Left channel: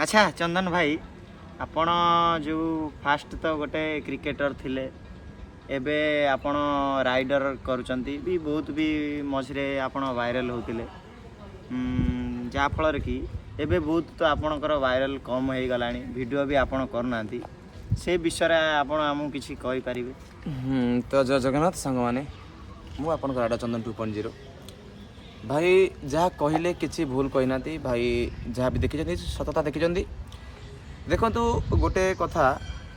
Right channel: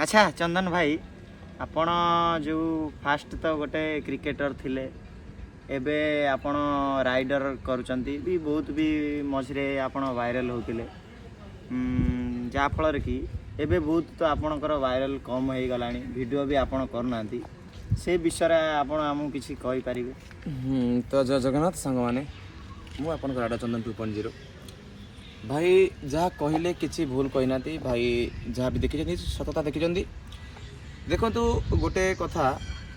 अच्छा चंदन भाई आपण जो फास्ट तो गोटे क्रिकेटर थिले एबे आपण राइडर करूचंती भी बहुत भी मझे आपण वायरल होतिले जा फल कि एबे बहुत तो आपणकर वायरल कम हो गलानी वीडियो भी आपण करनांती से विषय आपण हमहु किछि कहि परिबे। तो जय जगन्नाथ सांग माने मु आपन राडा चंदन 2.0 भाई जहाँ कहले किसी भूल कहना भाई जहाँ भी देखी सतता देखी देखु गोटे कथा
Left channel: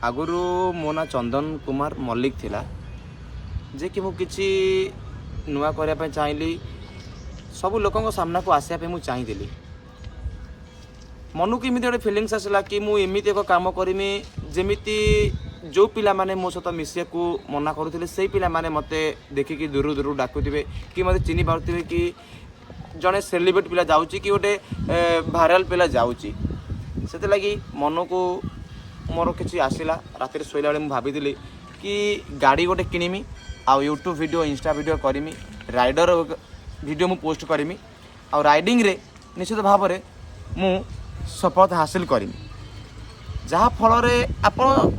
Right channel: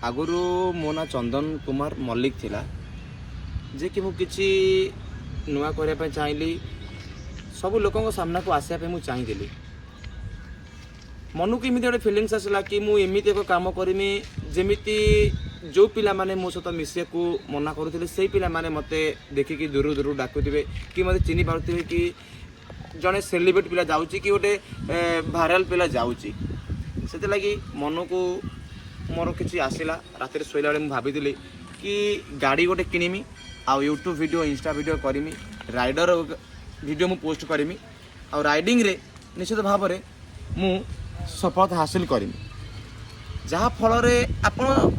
आगुरी मो ना चंदन कुमार मल्लिक थिला जे कि मुझे नुआ करने चाहिए सब लोकों सामना को आसापी मुझे चाहिए मन को एमती गोटे फिलिंग्स आसला कि मुझे एक कम करमी जमी जो पिला माने मो सहित मिसिया को मना करुले से पिला माने मते देखिकी दूर दूर डाकुवे कि मत चिन्ह पारे कि जड़े सेलिब्रिटी पिला जाऊँगी कि गोटे भाइराल पिला जाऊँगी से लगी मन को मोर किसी आसला रात शोला मुझे भाभी कि गाड़ी गोटे किणमी आ यूट्यूब वीडियो इंस्टा वीडियो करमी राइडर वीडियो मु पोस्ट करमी आ राइडिंग रे निश्चित भाव में मु सफलता हासिल करमी जहाँ फल आप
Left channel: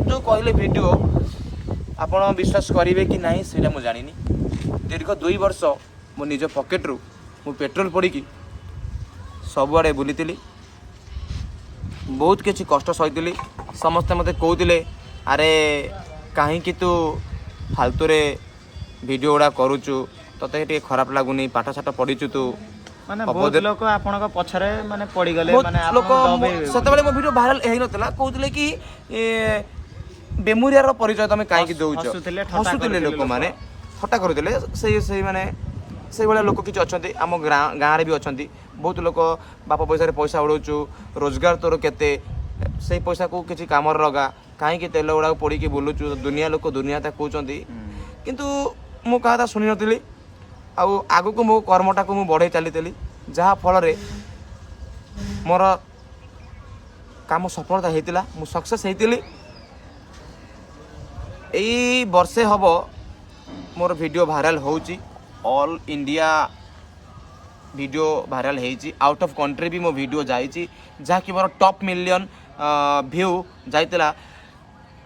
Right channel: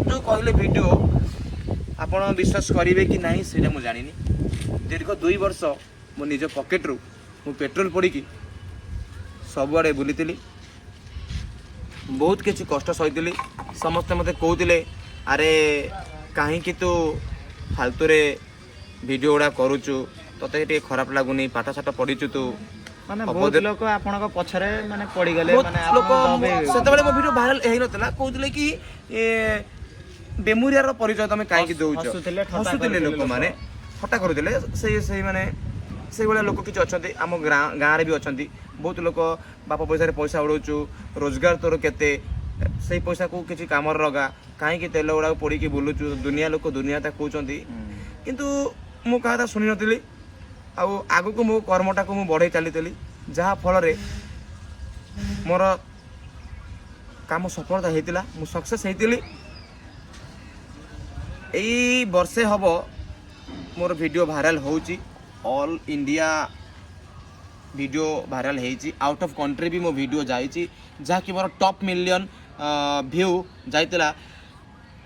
जो कहले वीडियो आपड़ विश्वास करेंगे कि नहीं से मुझे जानी दीर्घ 2 वर्ष मो निज पॉकेट रू मु पेट्रोल पड़ी सबुआड़े बुली बहुत किसी कष्ट सही समस्ते मत कहते अरे कहीं तू फालतू रे वीडियो गुड़ा करुचु तते तो खराब लगुनि पाठ साठ पढ़ीचु तू माने बहुत लोग आपन को पछरे माने पड़ी गले माने लोक सेतबेले मो वीडियो वायरल हेई नतला कहउतले कि बेमुरिया रो परिचय तमे काहे कि दउछ हसुतले लोक माने ठट्टा करथले से माने से वाला लोक किछ अछंती हम गाँ रे भी अछंती बहुत लोक बाप पैसा रे पैसा उड़ौचु रोजगार तोर केते से पैसा को किछि काम लगा काहे कि तेल उड़ा पड़ी कि बुलुचु दुनिया लोक दुनिया ता कहउचंती किंतु मो कहाता सुनि नतली आगु को मो कर्मटा को मु बढ़े चली जहाँ फल मोर काम सफलता होता मु सक्सेस होती यही वर्षे हम मोर वीडियो वायरल होची ऑल इंडिया वीडियो वायरल होती आउट ऑफ कंट्री भी मो वीडियो जाइए जहाँ कि मोर टॉप मिलियन व्यू जाइला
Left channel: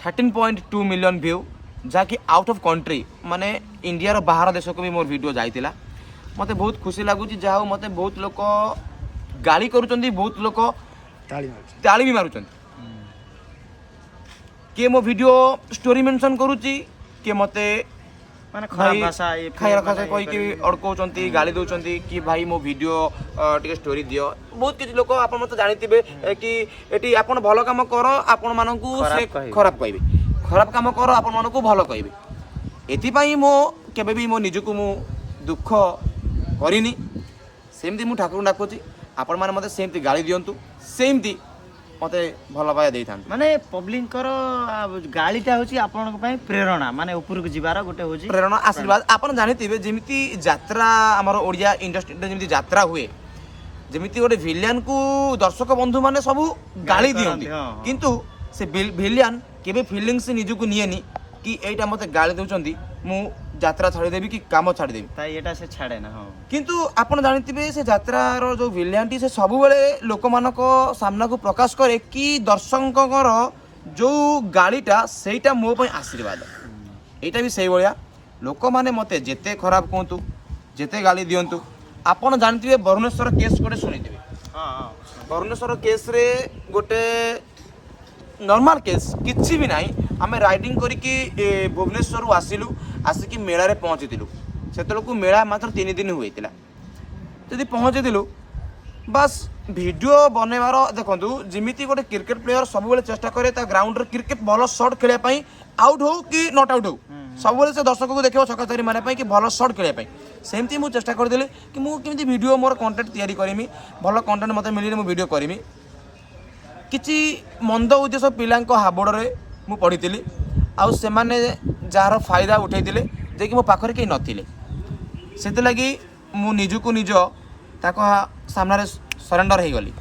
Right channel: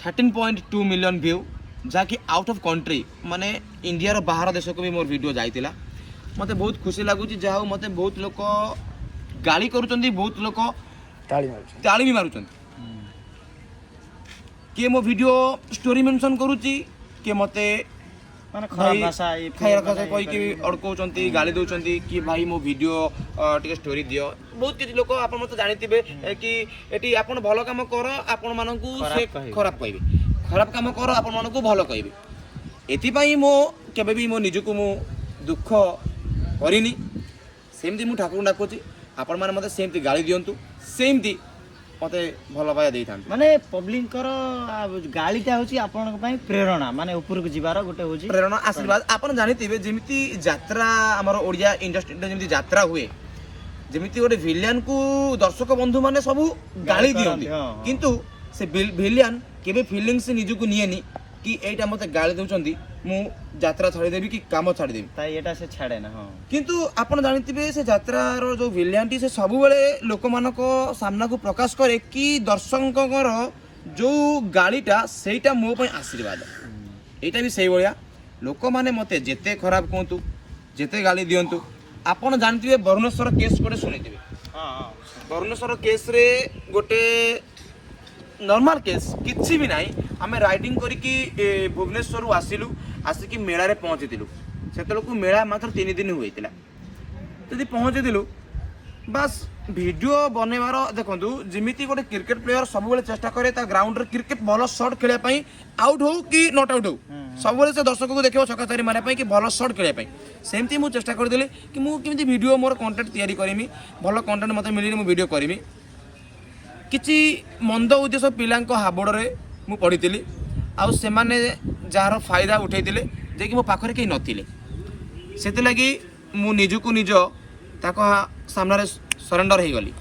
13.2 मिलियन व्यू जहाँ कि आउट ऑफ कंट्री माने इंडिया रो बाहर देश को भी मोर वीडियो जाइला मते बहुत खुशी लगुच जहाँ मते बहुत लोक गाली करुचंदी बहुत लोक ताली भी मारुचंदी किए मो वीडियो स्टोरी मेंशन करुची किए मते माने खराब भाषा कही कि अड़कौचंती गाली दौचंती कि भाई मो वीडियो टिके स्टोरी दियो बहुत किसी लोक आप मते जानिथिबे कि एटी आपण भलो काम करो आपण मानकू से खराब कहबे खराब काम कर आपण मन को भल कहे एपाई मो केबे भी मो निजको मु दुख करिनी सेमती मु ठाकुर डाकुची आपण माने मते सेमती गाली दियंतु सेमती मते भल पाया देई थान माने पब्लिक करो गालीटा होची आपण पई प्रेरणा माने ऊपर को जिबार गोटे होची प्रेरणा आशीर्वाद आपण जानिथिबे जेमिति यात्रा हमर ओडिया इंडस्ट्री जेमिति यात्रा हुए जेमिति गोटे विलियन को दर्शक बंधु माने सब गाली दियंती किंतु से विलियन केबे फीलिंग्स से निजको नियेनी कि एटा मते गाली दउचंदी मु यात्रा छाड़ी देबी कि काम छाड़ी देबी ताई एटा से छाड़े ना हां किंतु आपण जानिथिबे से यात्रा रो जो विलियनटी से सब बेले लोक मानको सामना को प्रकाश करे कि दर्शककर जो गालीटा सेटा मो पई आशीर्वाद एटा भी सही भलिया लोक माने मते जेते खराब कहतु जेते गाली दियंतु आपण जानिथिबे वरुणेश्वर केस कोडे सुनिथिबे हां हां वरुणेश्वर केस रे गोटे नॉर्मल केस किसी भी नहीं आम राइडिंग करिकी भुवनेश्वर आसिलु आसिकी मेला रे पहुँचीलु से मेला मात्र 3 दिन होता जदि पहुँचीलु बस वीडियो बनवार देखो जमी गोटे क्रिकेट प्लेयर सब चेष्टा करे ग्राउंड क्रिकेट भल शॉट खेलने आउट हो कि नॉट आउट हो सब से दर्शक को देखो छक्का चारि मारे कि भल शॉट खेलने सेमती मुझे चेष्टा करदेली कि मुझे वीडियो मोर कंटेंट तैयारी करमी भल कंटेंट मत मिले मुझे वीडियो करमी किसी मंद उद्देश्य पिला हाबड़े मु पढ़ी आउ से जार फायदा उठे जे कि मो पाखरे कहीं नथिले से लगी मु निजको निज ताको सामने सरेंडर हो गली।